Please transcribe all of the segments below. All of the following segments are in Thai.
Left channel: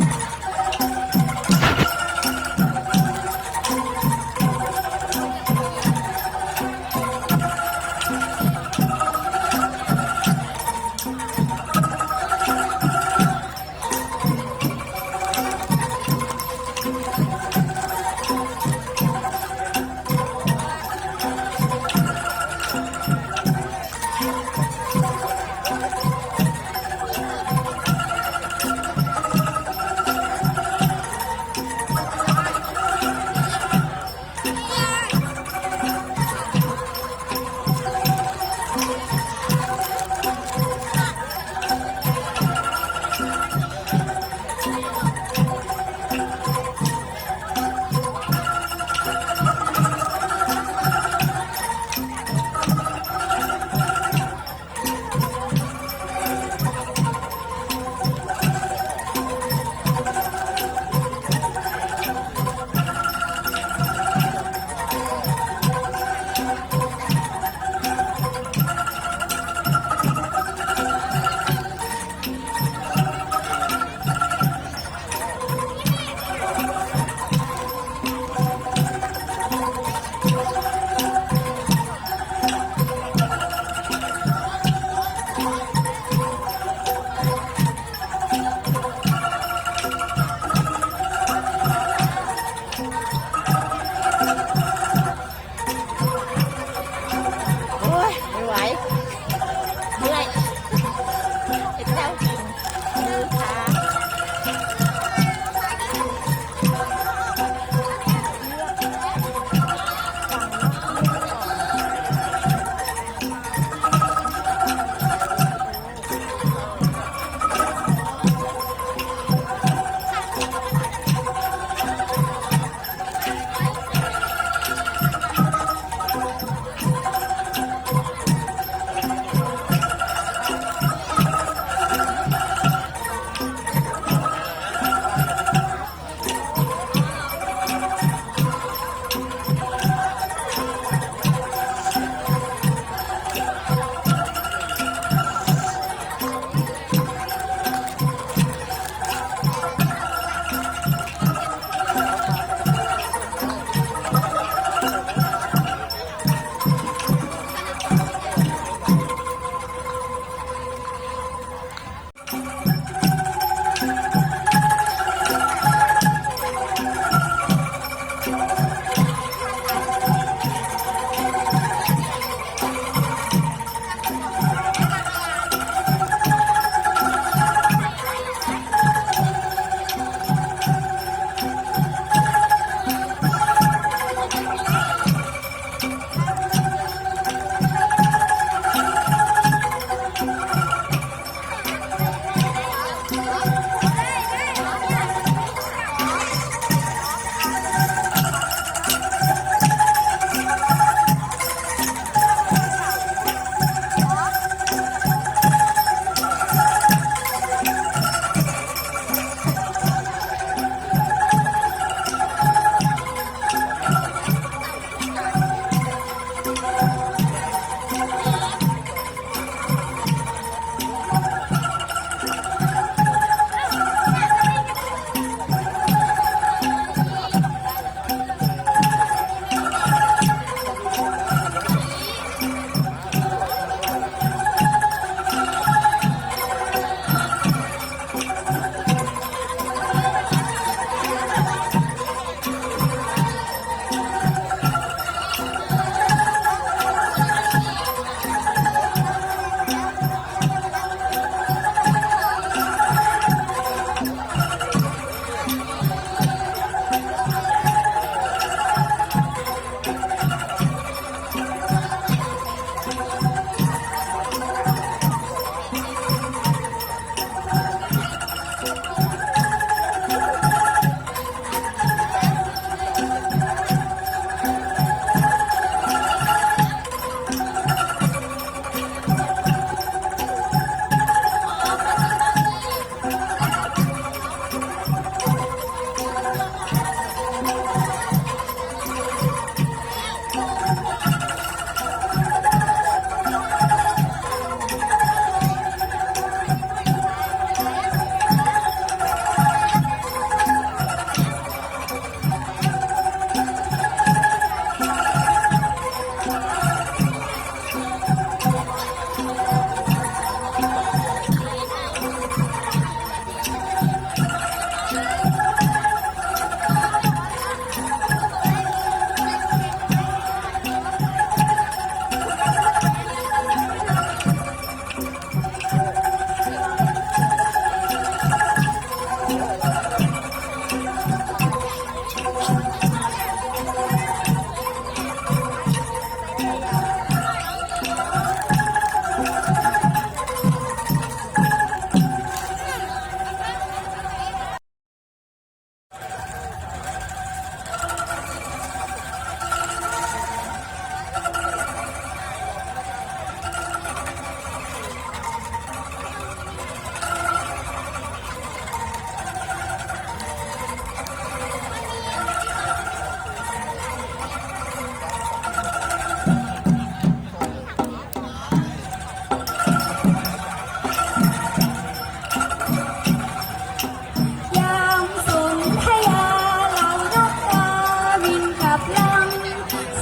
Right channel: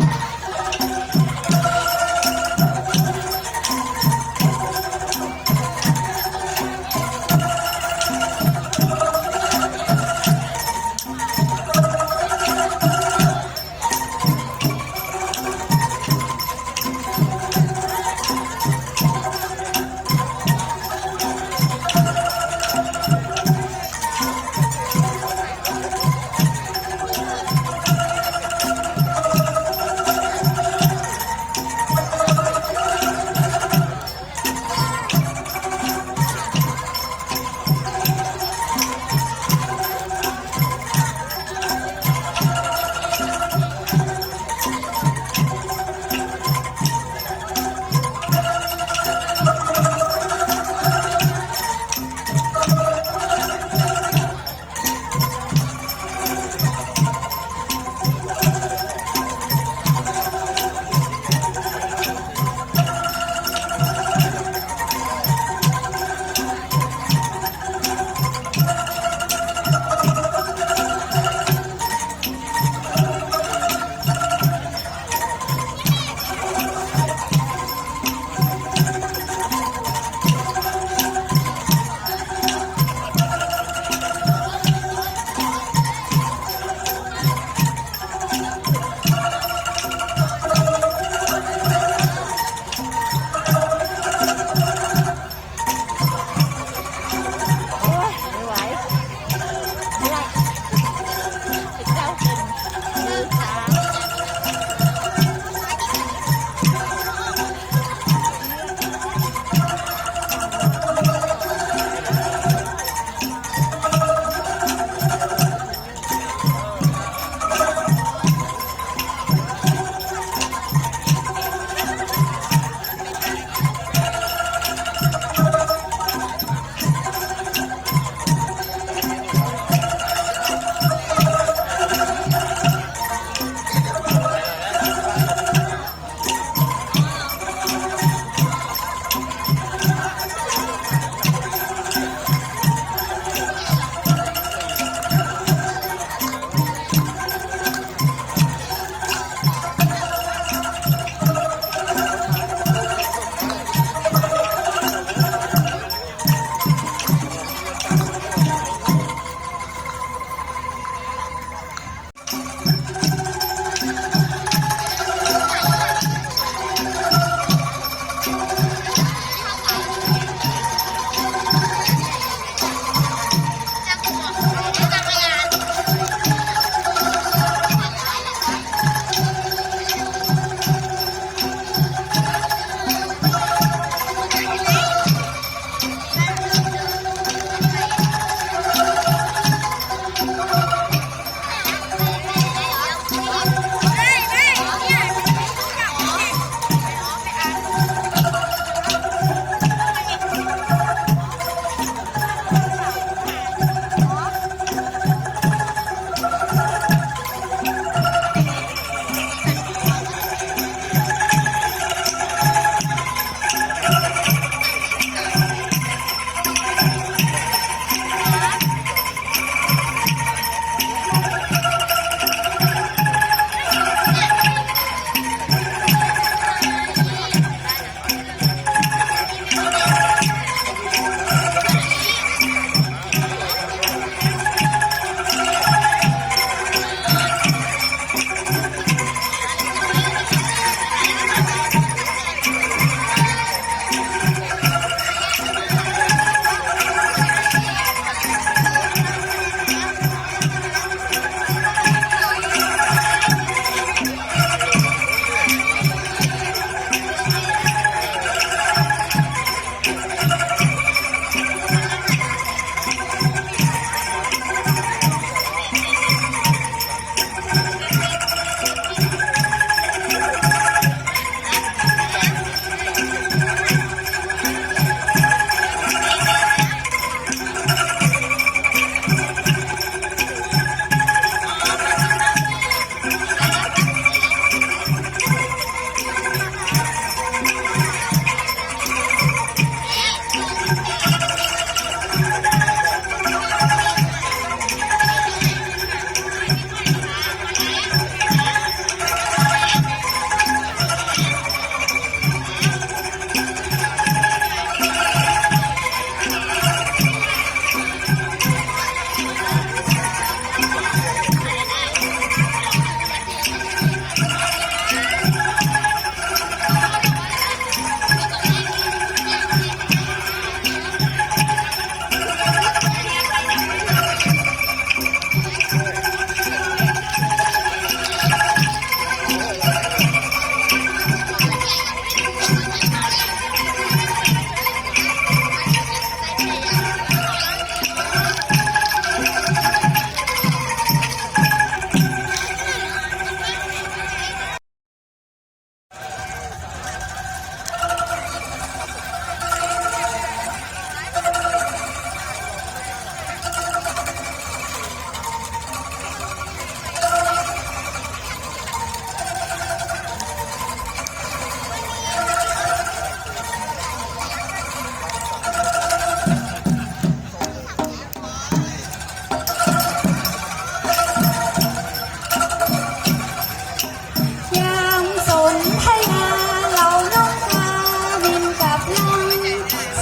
ค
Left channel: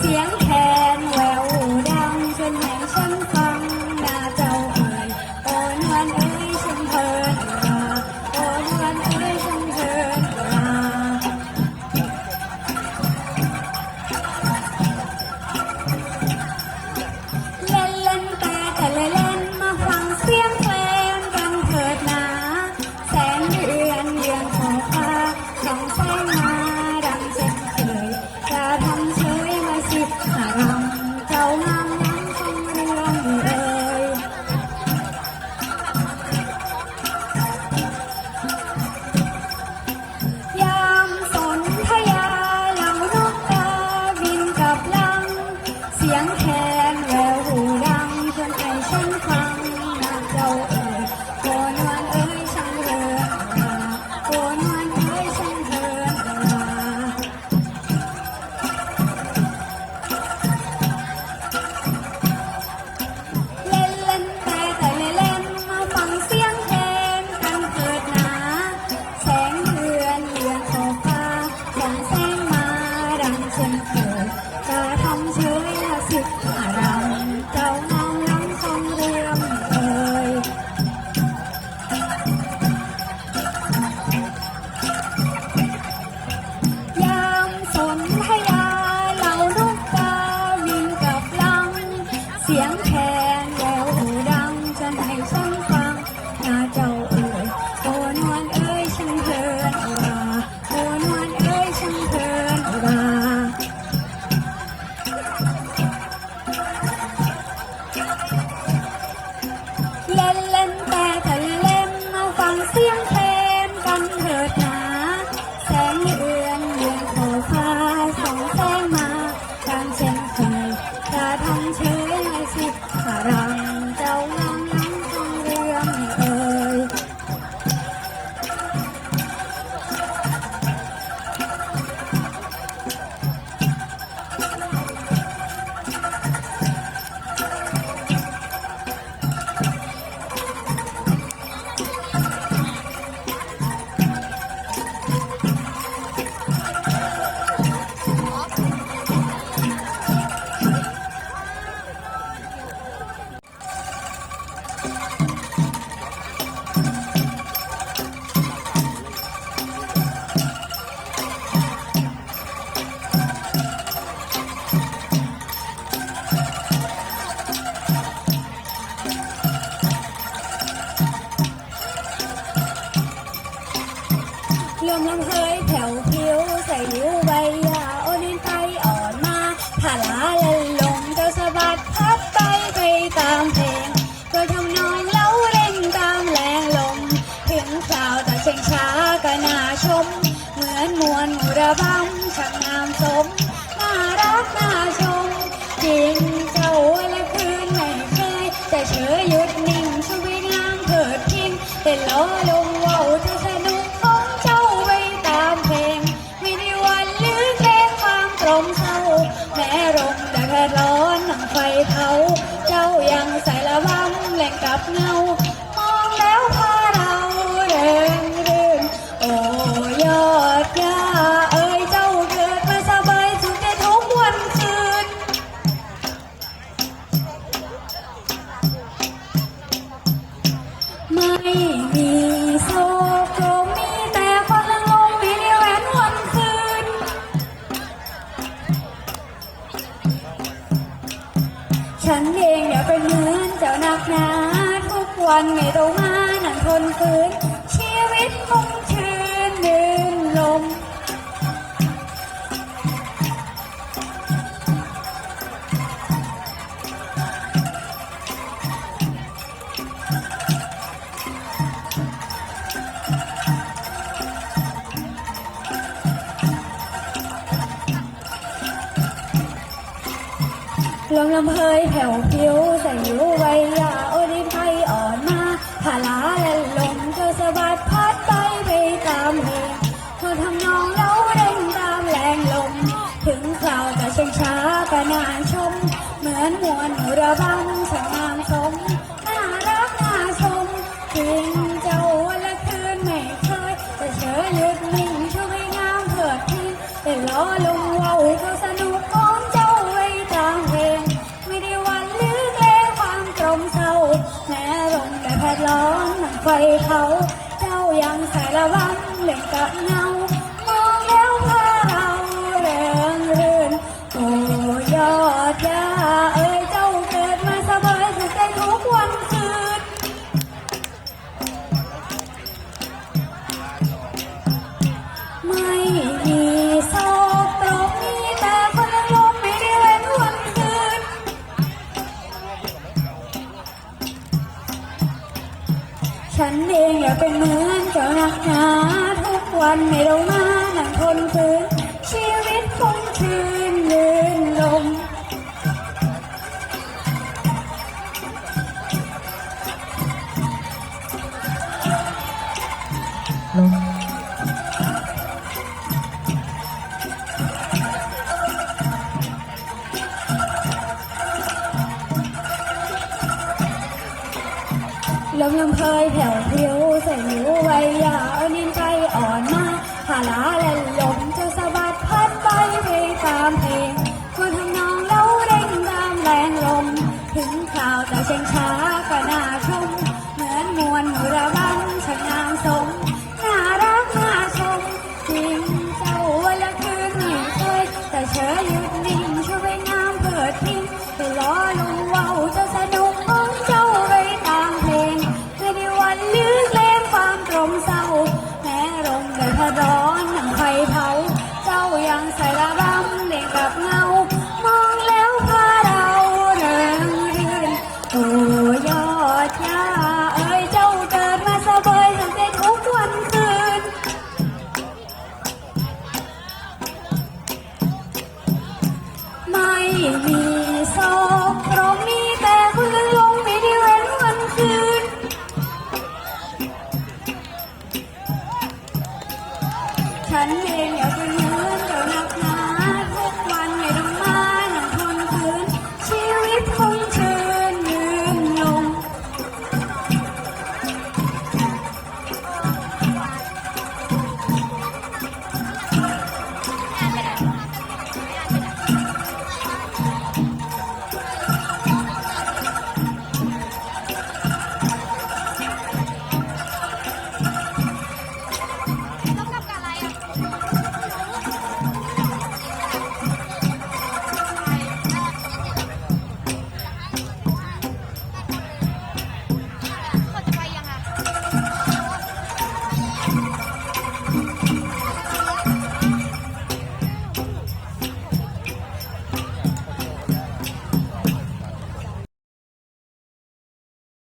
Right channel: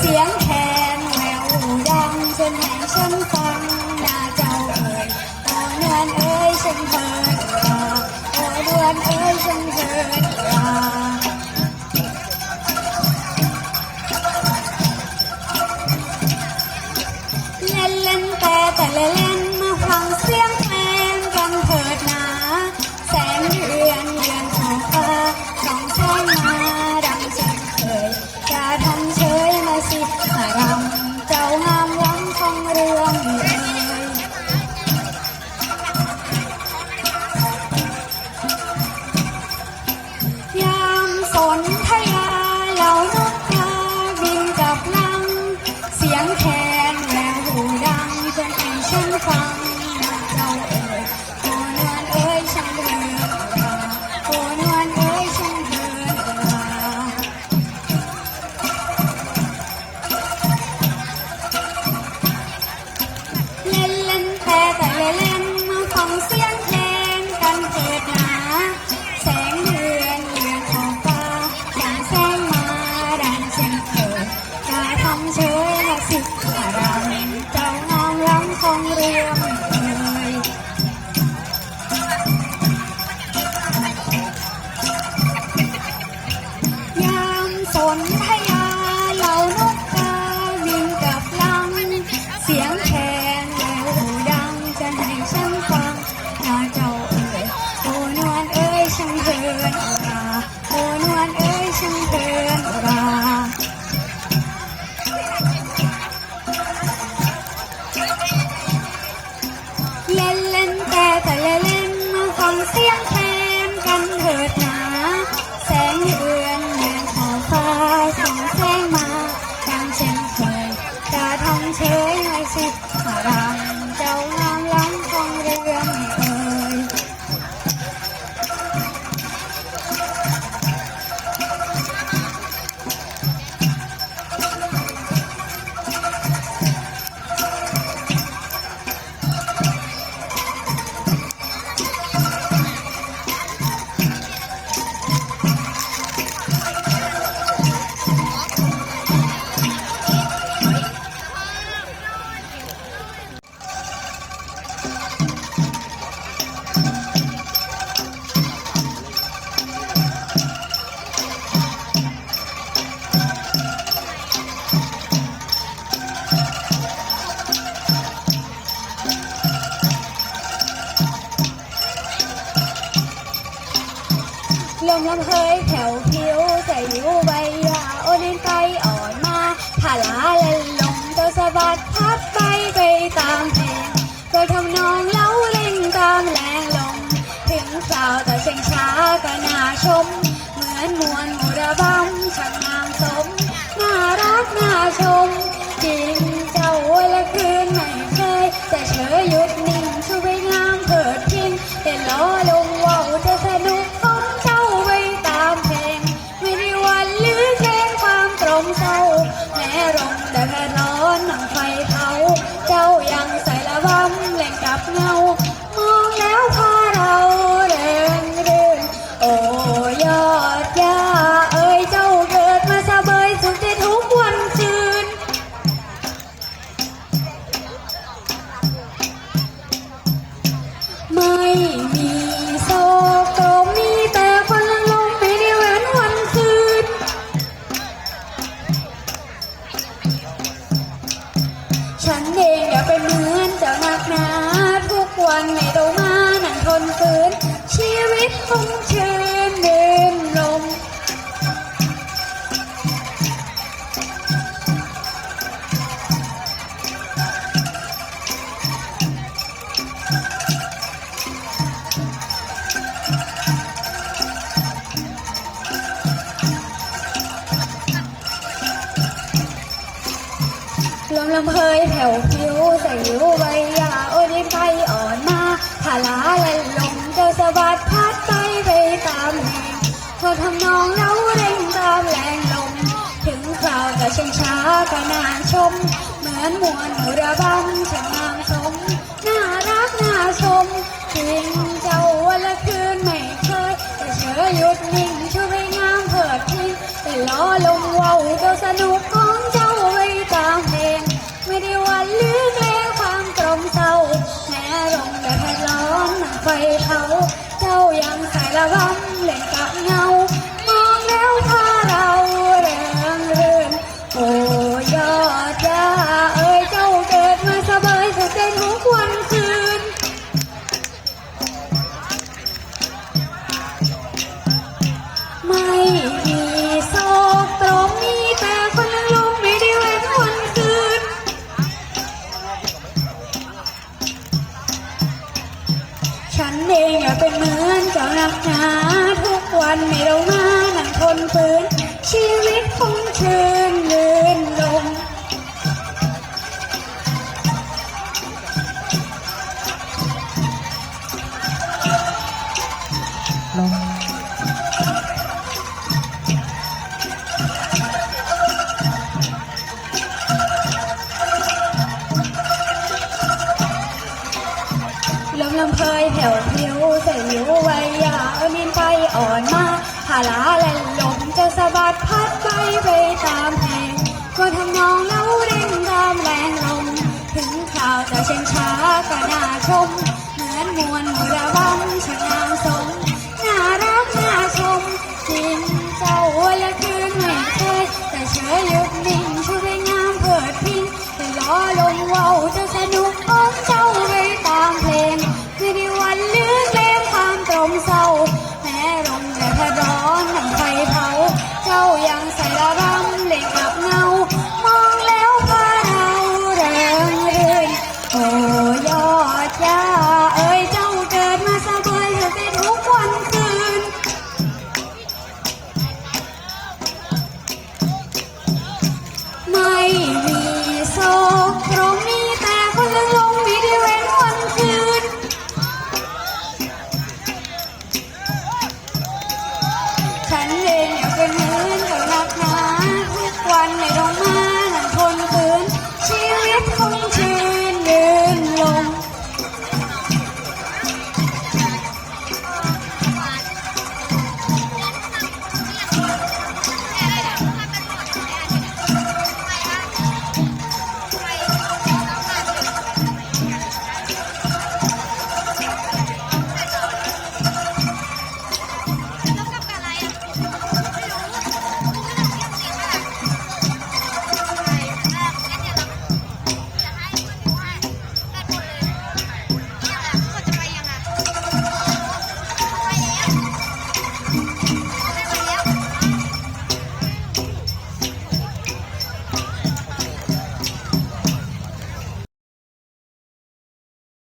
Yeah. home. ฉันเองอย่าเป็นเหมือนเจ้านักหนาทุกวันไม่ต้องมานั่งทนฝืน ลมองลำเฮยแผ่วผิวใส่หูใบยาโอดิไทยอ่อนมาผาลาไหลลมเจอสวัสดพัดไปไปตามเหงเธอทำนองเล้าเร่งตามแรงลมถึงคราวแต่ช้าช้าก็นานชม เหมือนมวนหระบันฉันนางสมน่ารักน่าชมเพลงเจ้าวันละคืนไม่เคยแต่เฉยหยุดนิ่งช่วยงามเถิดที่แต่ล้อลม ไฟเขาเจ้ายังใสารวัตเล่นกับงา นิวไวยาเอานินไปอ่อนมาหาลาแลลมจะสะบัดพัดไปไปตามเพลงก็ทำนองแล้วเร่งตานแรงลม ถึงข่าวจะเชียช้า